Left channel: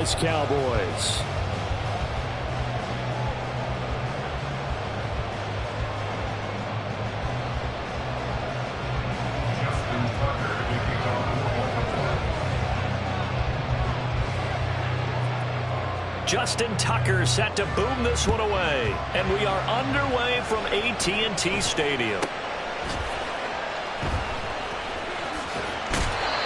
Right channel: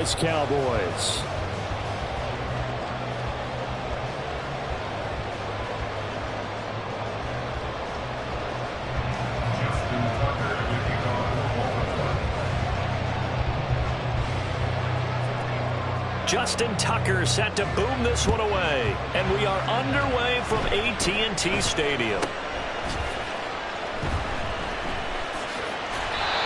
Cowboys. Justin Tucker set to boom this one away. And we are underway from AT&T Stadium.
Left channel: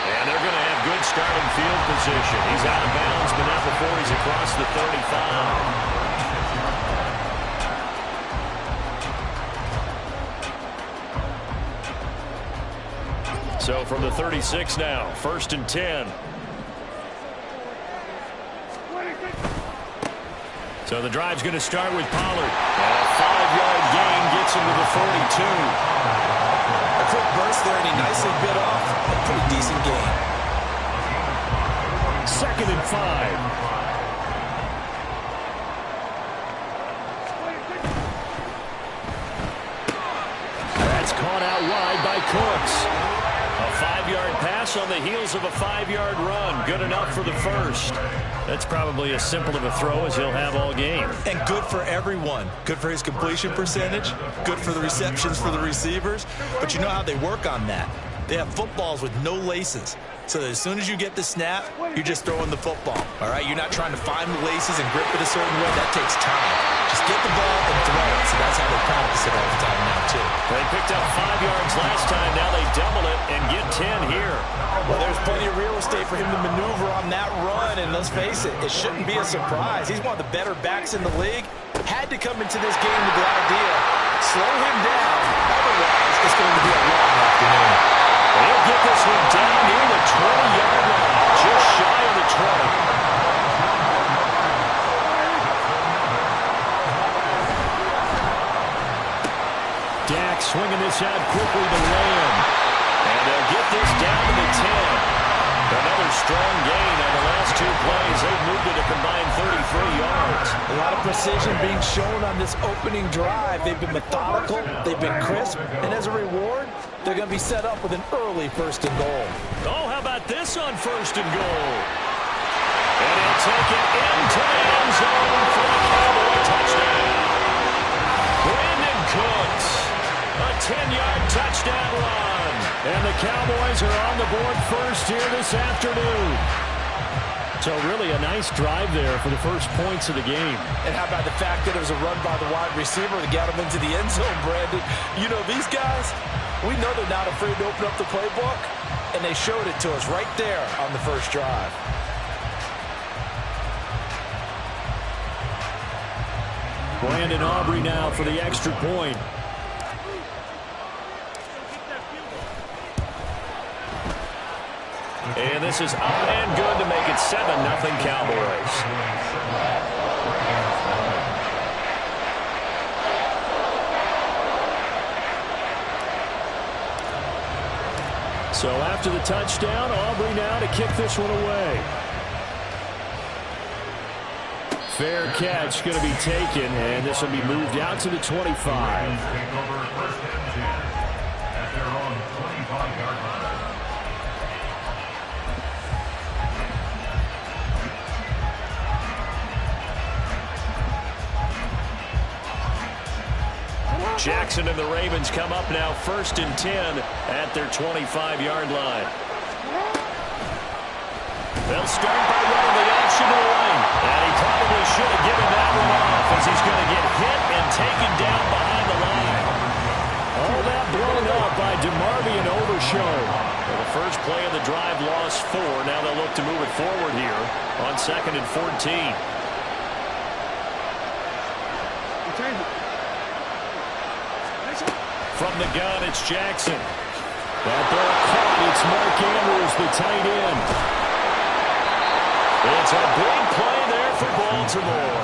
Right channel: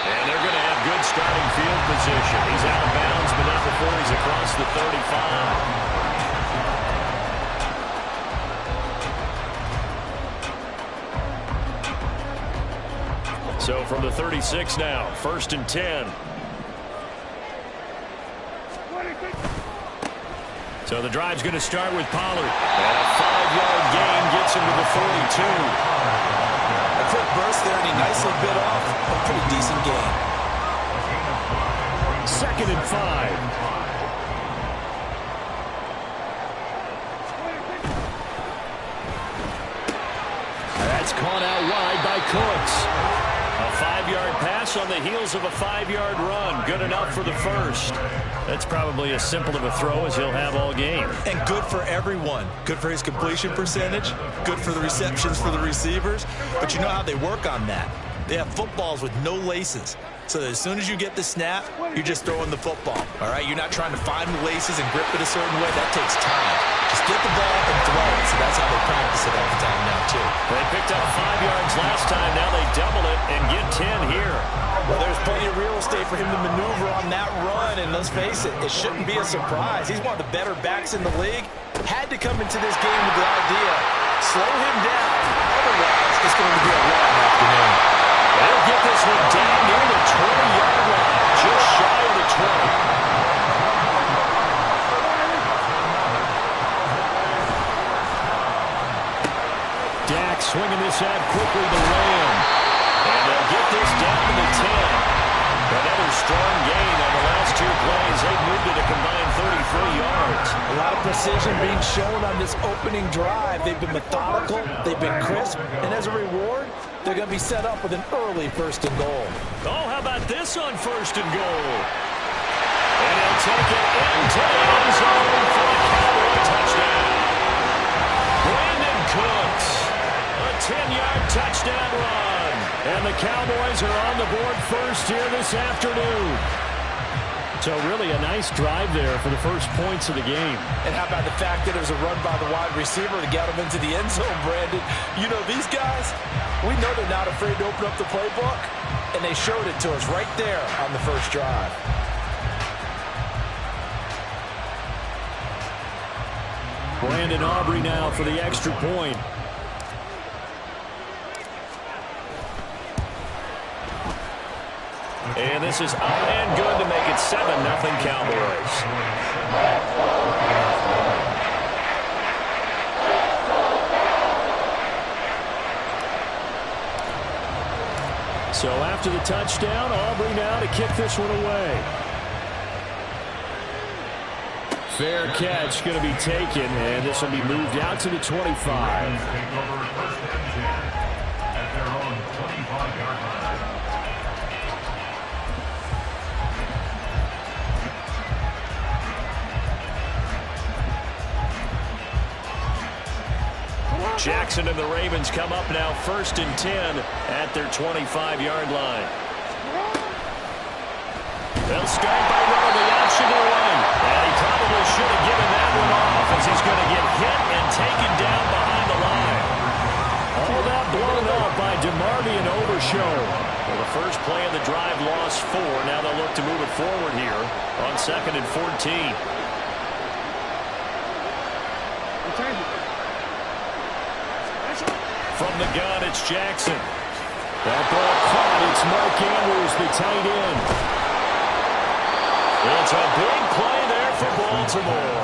And they're going to have good starting field position. He's out of bounds, but not before he's across the 35. So from the 36 now, 1st and 10. So the drive's going to start with Pollard. And a 5-yard gain gets him to the 42. A quick burst there, and he nicely bit off a pretty decent gain. 2nd and 5. That's caught out wide by Cooks. A 5-yard pass on the heels of a 5-yard run. Good enough for the first. That's probably as simple of a throw as he'll have all game. And good for everyone. Good for his completion percentage. Good for the receptions for the receivers. But you know how they work on that. They have footballs with no laces. So that as soon as you get the snap, you're just throwing the football. All right? You're not trying to find the laces and grip it a certain way. That takes time. Just get the ball and throw it. So that's how they practice it all the time now, too. They picked up 5 yards last time. Now they double it and get 10 here. Well, there's plenty of real estate for him to maneuver on that run. And let's face it, it shouldn't be a surprise. He's one of the better backs in the league. Had to come into this game with the idea, slow him down. Otherwise, it's going to be a long afternoon. They'll get this one down near the 20-yard line, just shy of the 20. Dak swinging this out quickly to Lamb. And they'll get this down to the 10. Another strong gain on the last 2 plays. They've moved it a combined 33 yards. A lot of precision being shown on this opening drive. They've been methodical. They've been crisp. And as a reward, they're going to be set up with an early 1st and goal. Oh, how about this on 1st and goal? And he'll take it into the end zone for a Cowboy touchdown. Brandon Cooks, a 10-yard touchdown run. And the Cowboys are on the board first here this afternoon. So really a nice drive there for the first points of the game. And how about the fact that it was a run by the wide receiver that got him into the end zone, Brandon? You know, these guys, we know they're not afraid to open up the playbook, and they showed it to us right there on the first drive. Brandon Aubrey now for the extra point. And this is up and good to make it 7-0 Cowboys. So after the touchdown, Aubrey now to kick this one away. Fair catch going to be taken, and this will be moved out to the 25. At their own 25-yard line. Jackson and the Ravens come up now 1st and 10 at their 25-yard line. They'll start by running the option to the right. And he probably should have given that one off as he's going to get hit and taken down behind the line. All that blown up by DeMarvion Overshow. Well, the first play of the drive lost 4. Now they'll look to move it forward here on 2nd and 14. From the gun, it's Jackson. That ball caught. It's Mark Andrews, the tight end. It's a big play there for Baltimore.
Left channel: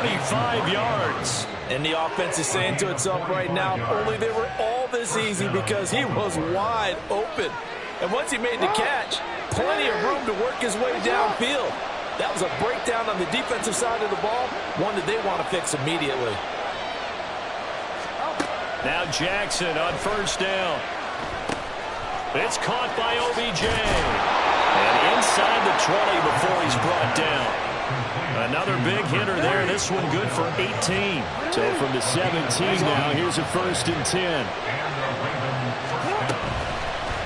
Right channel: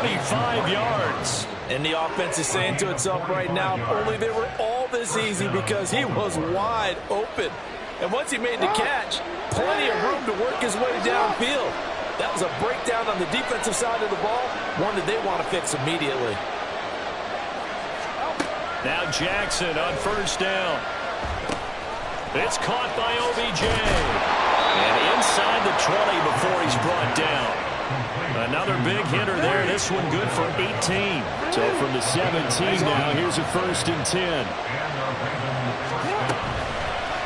45 yards. And the offense is saying to itself right now, only they were all this easy because he was wide open. And once he made the catch, plenty of room to work his way downfield. That was a breakdown on the defensive side of the ball, one that they want to fix immediately. Now Jackson on 1st down. It's caught by OBJ. And inside the 20 before he's brought down. Another big hitter there. This one good for 18. So from the 17 now, here's a 1st and 10.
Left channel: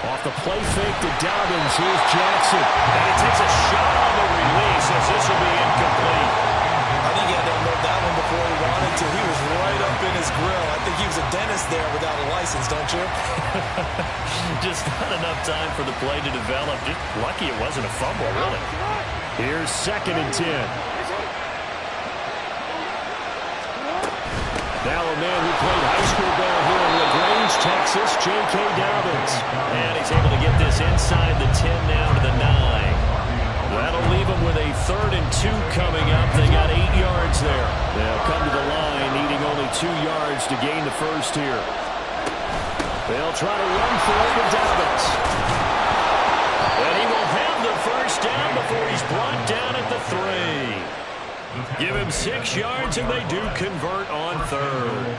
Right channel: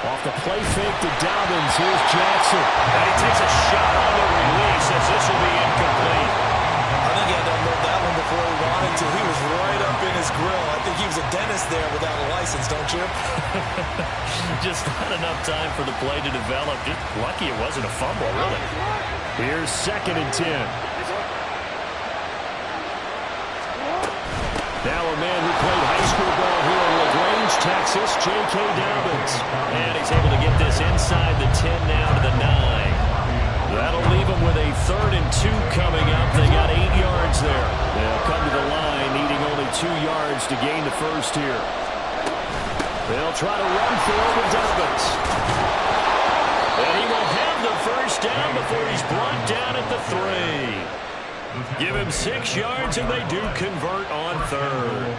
Off the play fake to Dobbins. Here's Jackson. And he takes a shot on the release as this will be incomplete. I think he had to unload that one before he wanted to. He was right up in his grill. I think he was a dentist there without a license, don't you? Just not enough time for the play to develop. Just lucky it wasn't a fumble, really. Here's 2nd and 10. Now a man who played high school ball here in LaGrange, Texas, J.K. Dobbins. And he's able to get this inside the 10 now to the 9. That'll leave them with a 3rd and 2 coming up. They got 8 yards there. They'll come to the line needing only 2 yards to gain the first here. They'll try to run for it with Dobbins. And he will have the first down before he's brought down at the 3. Give him 6 yards, and they do convert on 3rd.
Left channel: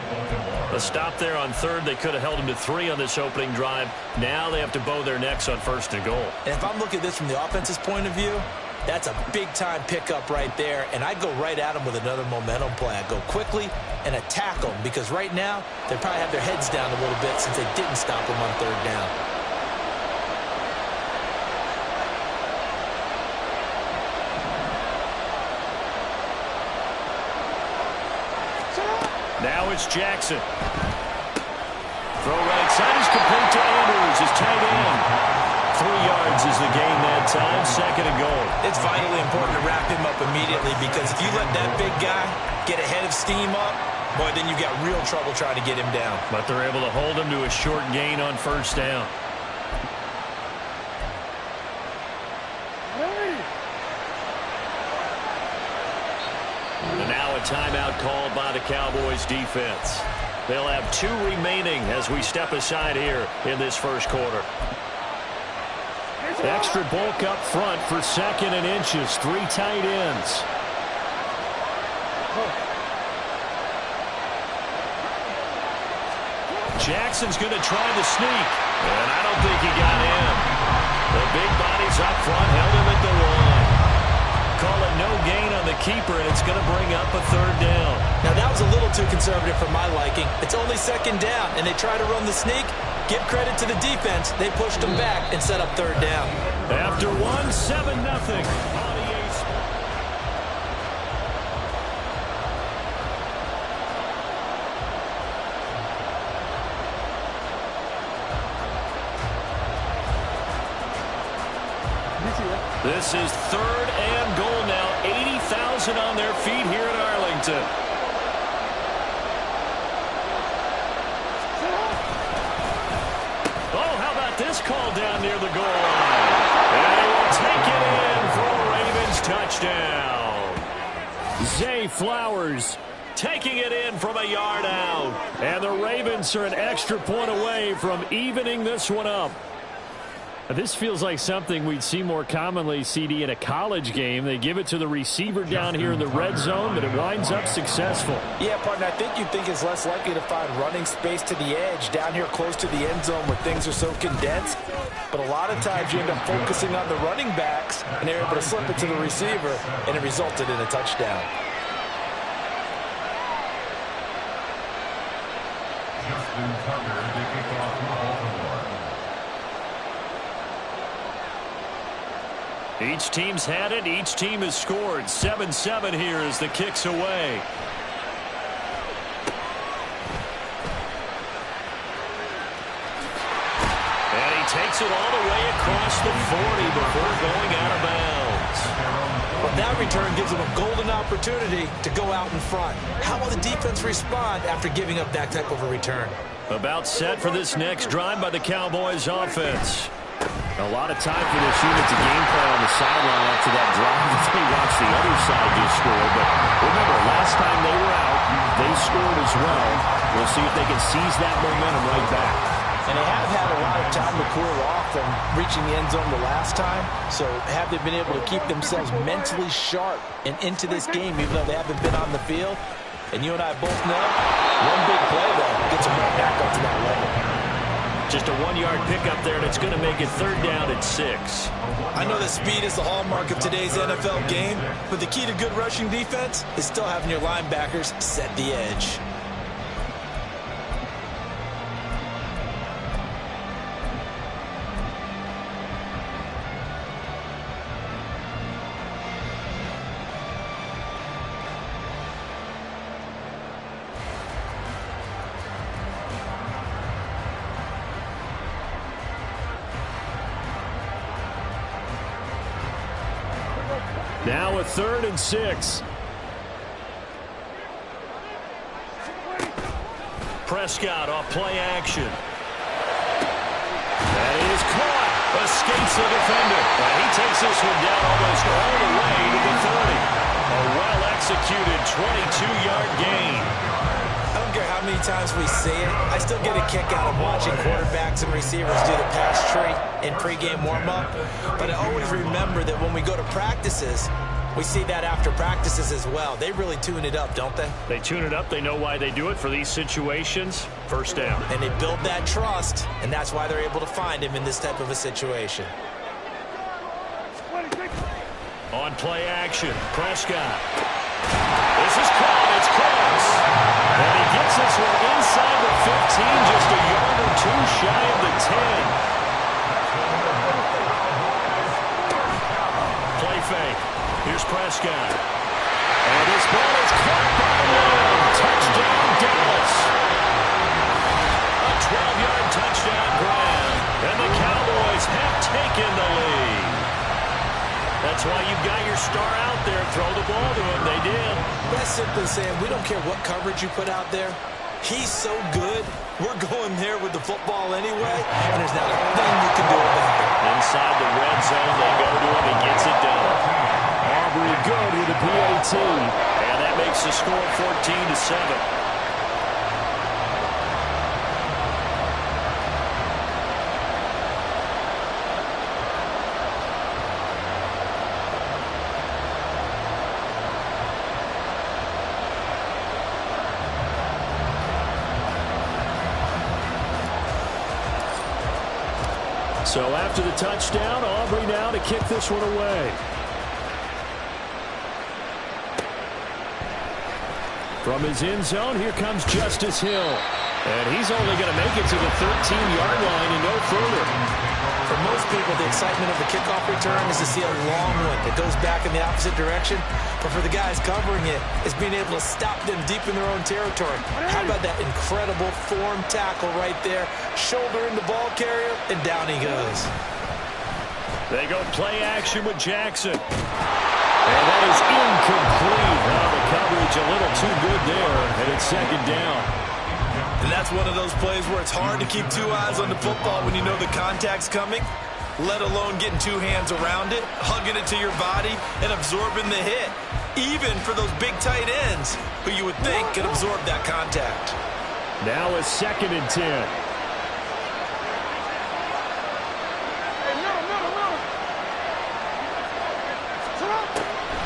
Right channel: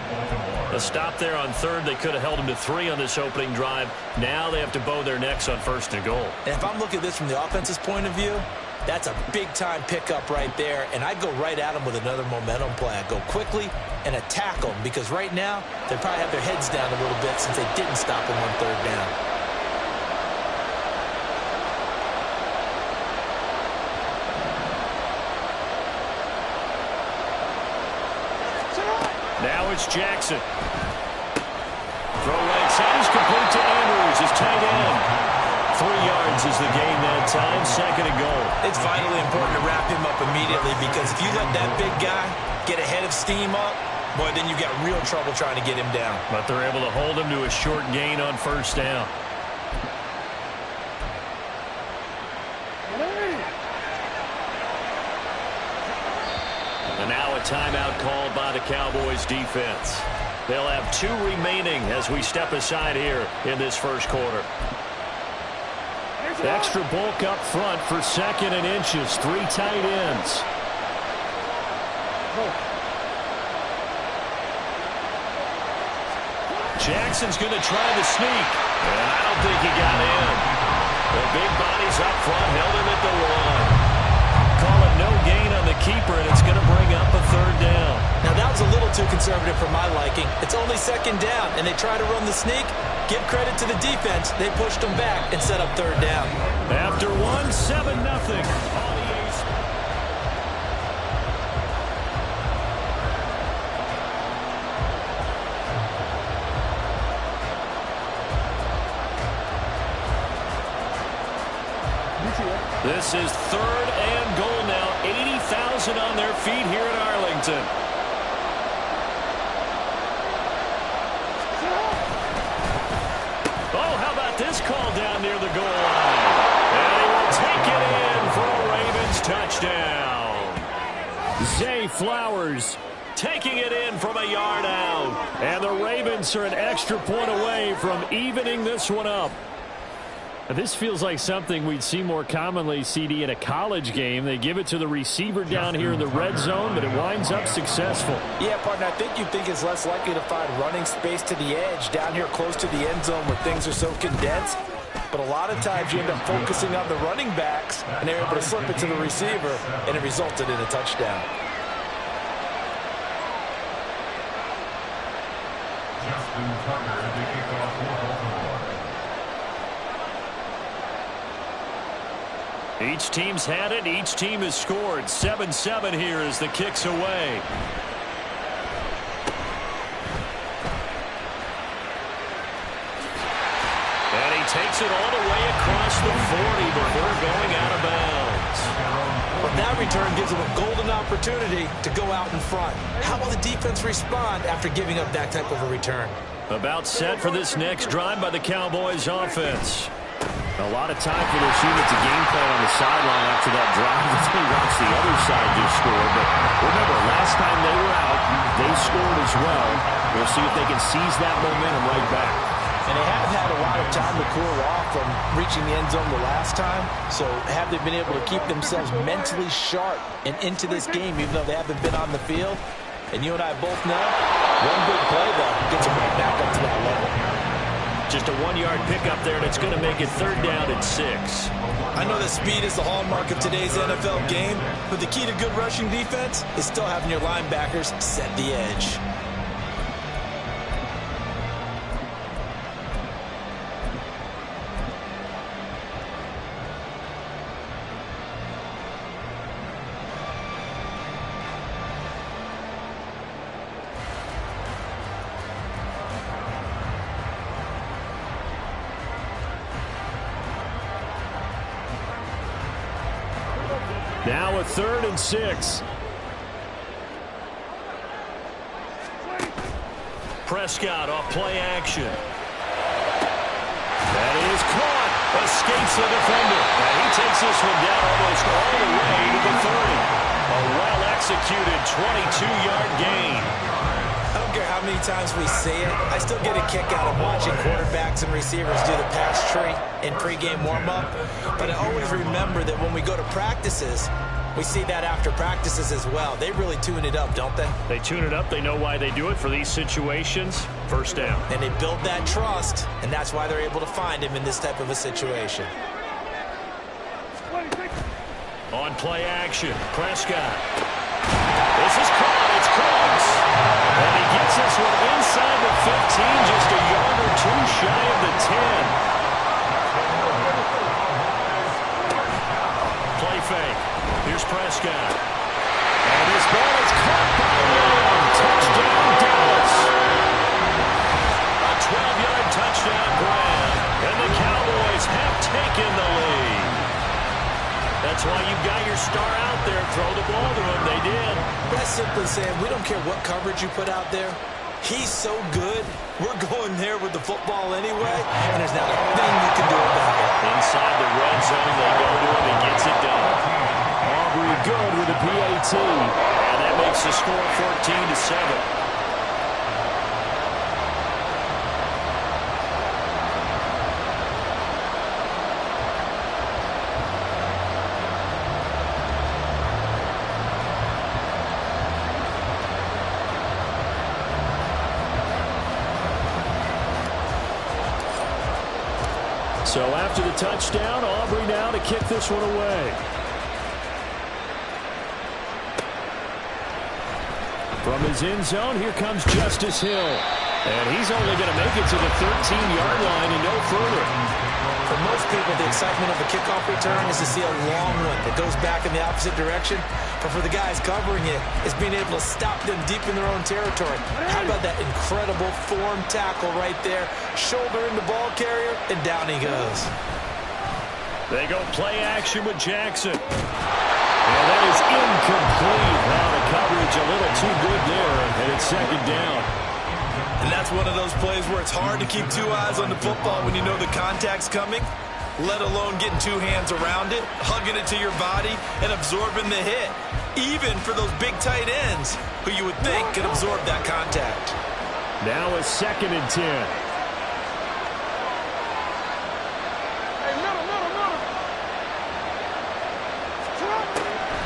A stop there on 3rd. They could have held him to 3 on this opening drive. Now they have to bow their necks on 1st and goal. And if I'm looking at this from the offense's point of view, that's a big-time pickup right there. And I'd go right at him with another momentum play. I'd go quickly and attack them because right now they probably have their heads down a little bit since they didn't stop him on 3rd down. Now it's Jackson. Throw right side is complete to Andrews, his tight end. 3 yards is the gain that time, 2nd and goal. It's vitally important to wrap him up immediately because if you let that big guy get ahead of steam up, boy, then you've got real trouble trying to get him down. But they're able to hold him to a short gain on 1st down. And now a timeout called by the Cowboys defense. They'll have 2 remaining as we step aside here in this first quarter. Extra bulk up front for 2nd and inches. 3 tight ends. Jackson's going to try the sneak. And I don't think he got in. The big bodies up front held him at the 1. Call it no gain on the keeper, and it's going to bring up a 3rd down. Now, that was a little too conservative for my liking. It's only 2nd down, and they try to run the sneak. Give credit to the defense. They pushed them back and set up 3rd down. After 1, 7-0 on EA Sports. This is 3rd and goal now. 80,000 on their feet here in Arlington. Oh, how about this call down near the goal line? And he will take it in for a Ravens touchdown. Zay Flowers taking it in from a yard out. And the Ravens are an extra point away from evening this one up. This feels like something we'd see more commonly, CD, in a college game. They give it to the receiver down here in the red zone, but it winds up successful. Yeah, partner, I think you'd think it's less likely to find running space to the edge down here close to the end zone where things are so condensed. But a lot of times you end up focusing on the running backs, and they're able to slip it to the receiver, and it resulted in a touchdown. Justin Tucker to kick off for Baltimore. Each team's had it. Each team has scored. 7-7 here as the kick's away. And he takes it all the way across the 40 before going out of bounds. But that return gives them a golden opportunity to go out in front. How will the defense respond after giving up that type of a return? About set for this next drive by the Cowboys offense. A lot of time for this unit to game plan on the sideline after that drive that they watched the other side just score. But remember, last time they were out, they scored as well. We'll see if they can seize that momentum right back. And they have had a lot of time to cool off from reaching the end zone the last time. So have they been able to keep themselves mentally sharp and into this game, even though they haven't been on the field? And you and I both know, one big play, though, gets them right back up to that level. Just a 1-yard pickup there, and it's going to make it 3rd down and 6. I know that speed is the hallmark of today's NFL game, but the key to good rushing defense is still having your linebackers set the edge. Now a 3rd and 6. Prescott off play action. That is caught. Escapes the defender. And he takes this one down almost all the way to the 30. A well-executed 22-yard gain. I don't care how many times we see it, I still get a kick out of watching quarterbacks and receivers do the pass tree in pregame warm-up. But I always remember that when we go to practices, we see that after practices as well. They really tune it up, don't they? They tune it up. They know why they do it for these situations. 1st down. And they build that trust, and that's why they're able to find him in this type of a situation. On play action, Prescott. This is caught. It's close. And he gets this one inside the 15, just a yard or 2 shy of the 10. Play fake. Here's Prescott. And this ball is caught by Lamb. Touchdown, Dallas. A 12-yard touchdown grab. And the Cowboys have taken the lead. That's why you've got your star out there. Throw the ball to him. They did. That's simply saying we don't care what coverage you put out there. He's so good, we're going there with the football anyway, and there's not a thing you can do about it. Inside the red zone, they go to him. He gets it done. Aubrey good with a PAT. And that makes the score 14-7. So after the touchdown, Aubrey now to kick this one away. From his end zone, here comes Justice Hill. And he's only going to make it to the 13-yard line and no further. For most people, the excitement of the kickoff return is to see a long one that goes back in the opposite direction. But for the guys covering it, it's being able to stop them deep in their own territory. How about that incredible form tackle right there? Shoulder in the ball carrier, and down he goes. They go play action with Jackson. And that is incomplete. Now the coverage a little too good there, and it's 2nd down. And that's one of those plays where it's hard to keep 2 eyes on the football when you know the contact's coming, let alone getting 2 hands around it, hugging it to your body, and absorbing the hit. Even for those big tight ends who you would think could absorb that contact. Now a 2nd and 10.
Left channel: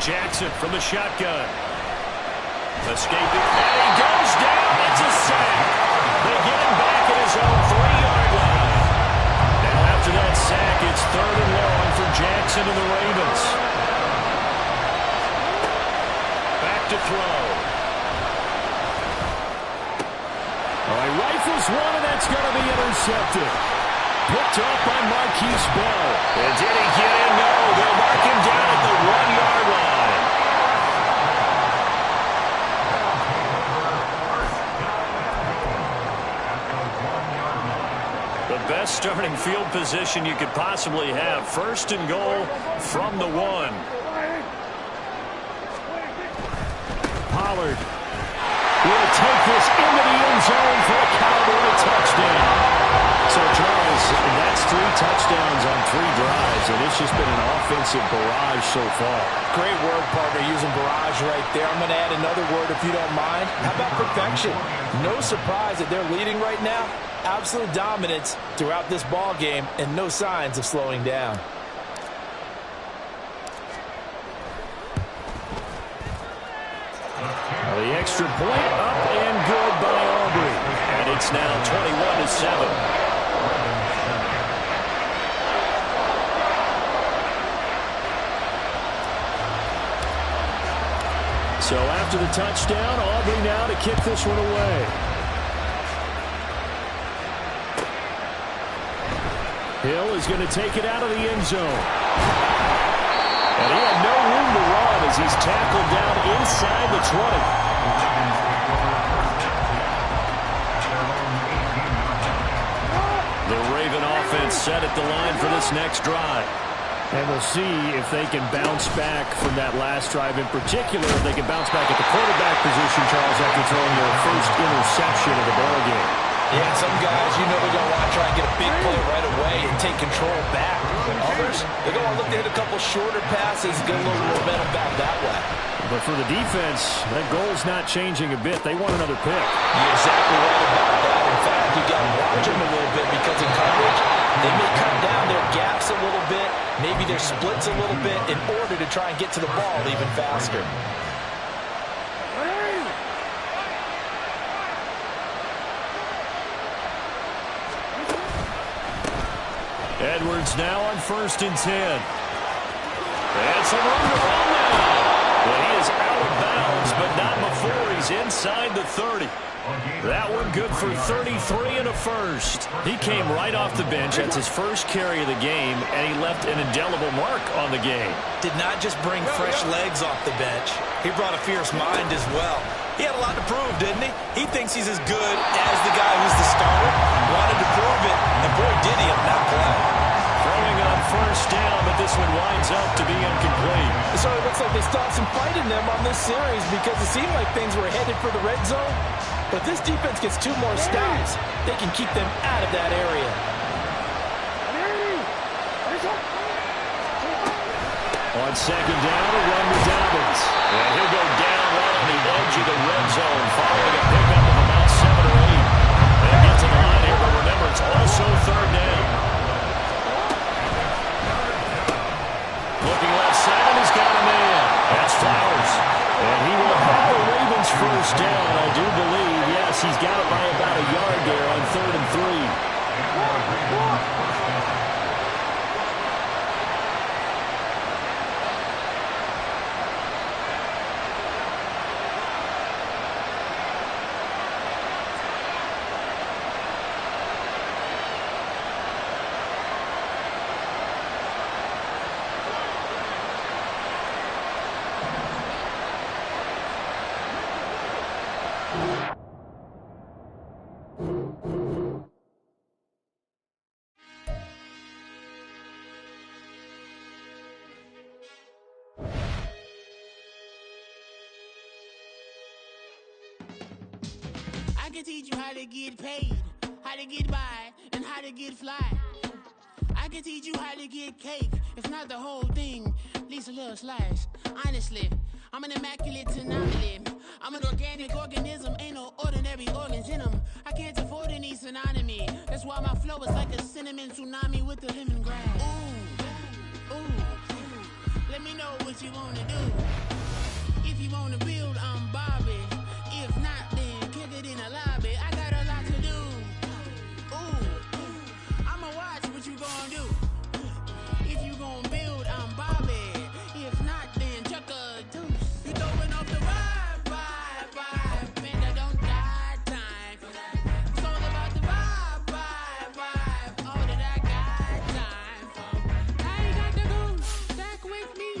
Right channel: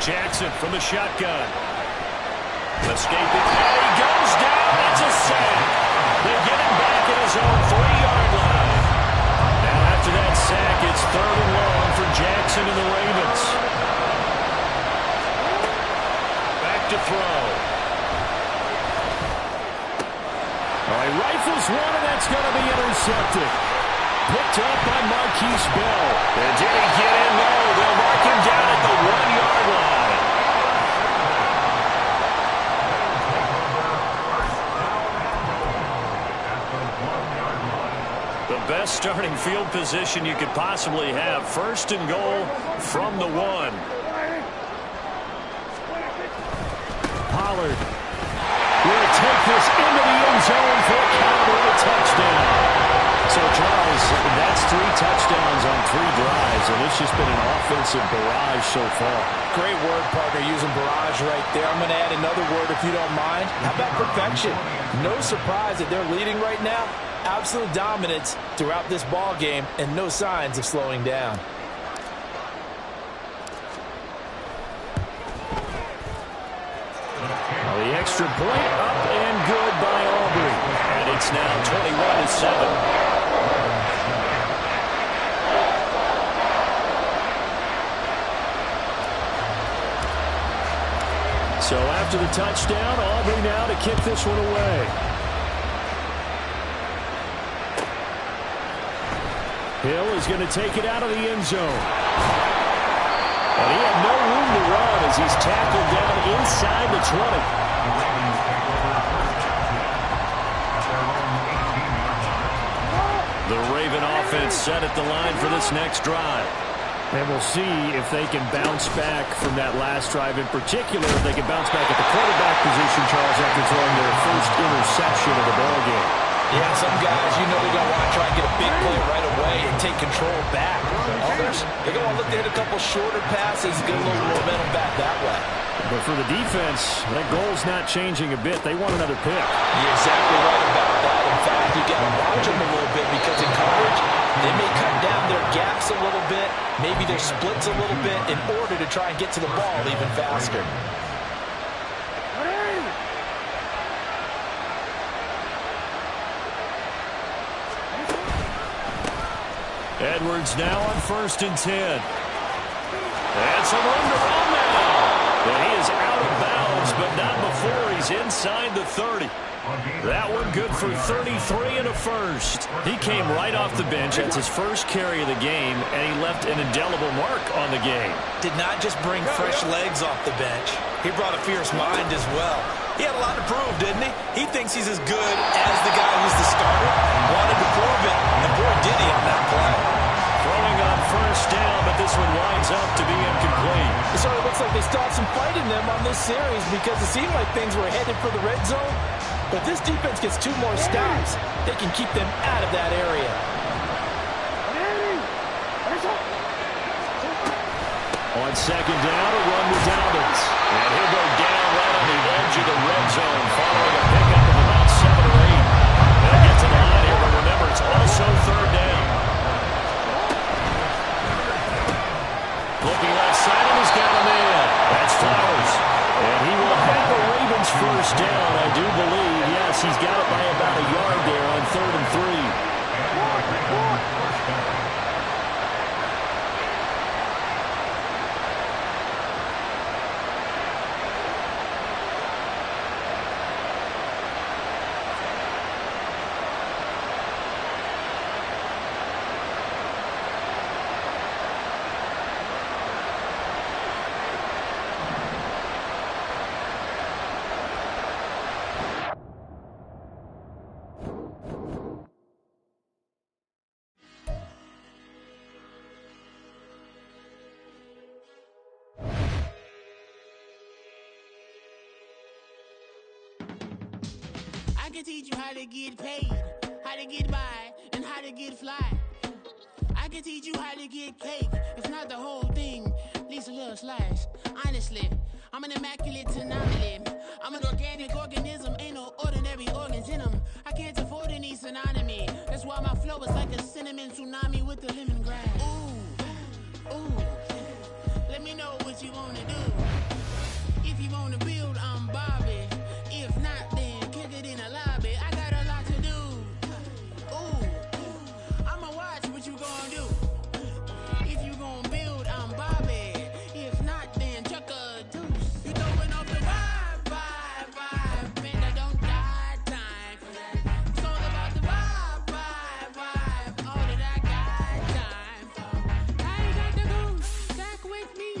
Jackson from the shotgun. Escaping, and he goes down. That's a sack. They get him back at his own 3-yard line. Now after that sack, it's 3rd and long for Jackson and the Ravens. Back to throw. All right, rifles one, and that's going to be intercepted. Picked up by Marquise Bell. And did he get in? No, they'll mark him down at the 1-yard line. The best starting field position you could possibly have. 1st and goal from the 1. Pollard will take this into the end zone for a Cowboy touchdown. So, Charles, that's 3 touchdowns on 3 drives, and it's just been an offensive barrage so far. Great word, partner, using barrage right there. I'm going to add another word if you don't mind. How about perfection? No surprise that they're leading right now. Absolute dominance throughout this ball game and no signs of slowing down. Well, the extra point up and good by Aubrey. And it's now 21-7. So after the touchdown, Aubrey now to kick this one away. Hill is going to take it out of the end zone. And he had no room to run as he's tackled down inside the 20. The Ravens take over first and 10 at their own 18-yard line. The Raven offense set at the line for this next drive. And we'll see if they can bounce back from that last drive in particular. If they can bounce back at the quarterback position, Charles, after throwing their first interception of the ball game. Yeah, some guys, you know, they're going to want to try and get a big play right away and take control back. Others, they're going to look to hit a couple shorter passes, get a little momentum back that way. But for the defense, that goal's not changing a bit. They want another pick. You're exactly right about that. In fact, you got to watch them a little bit because in coverage, they may cut down their gaps a little bit, maybe their splits a little bit in order to try and get to the ball even faster. Edwards now on 1st and 10. And some room to run now. And he is out of bounds, but not before he's inside the 30. That one good for 33 and a first. He came right off the bench. That's his first carry of the game, and he left an indelible mark on the game. Did not just bring fresh legs off the bench. He brought a fierce mind as well. He had a lot to prove, didn't he? He thinks he's as good as the guy who's the starter. Wanted to prove it, and boy, did he on that play. Throwing on 1st down, but this one winds up to be incomplete. It sort of looks like they still have some fight in them on this series because it seemed like things were headed for the red zone. But if this defense gets 2 more stops, they can keep them out of that area. On 2nd down, a run with Dobbins. And he'll go down right on the edge of the red zone following a pickup of about 7 or 8. They'll get to the line here, but remember, it's also 3rd down. Looking left side, and he's got a man. That's Flowers. And he will have a Ravens 1st down, I do believe. Yes, he's got it by about a yard there on 3rd and 3. And the Ravens first down. I can teach you how to get paid, how to get by, and how to get fly. I can teach you how to get cake, if not the whole thing, at least a little slice. Honestly, I'm an immaculate anomaly. I'm an organic organism, ain't no ordinary organs in them. I can't afford any synonymy. That's why my flow is like a cinnamon tsunami with the lemongrass. Ooh, ooh, let me know what you wanna do. If you wanna build, I'm Bobby. If not, then kick it in a lobby. I got a lot to do. Ooh, I'ma watch what you gon' do. If you gon' build, I'm Bobby. If not, then chuck a deuce. You throwing off the vibe, and I don't die time. It's all about the vibe, all that I got time. I ain't got the goose, stack with me.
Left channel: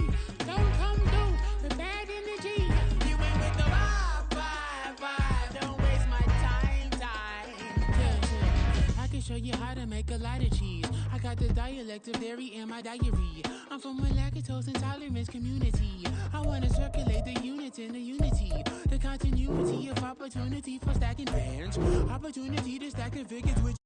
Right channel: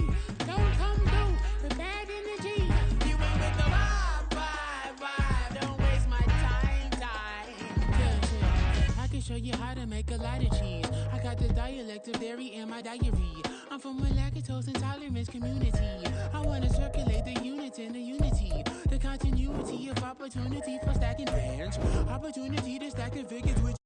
Don't come through the bad energy. You ain't with the vibe, don't waste my time. Yeah. I can show you how to make a lot of cheese. I got the dialect of dairy in my diary. I'm from a lactose intolerance community. I wanna circulate the units in the unity. The continuity of opportunity for stacking bands. Opportunity to stack the figures with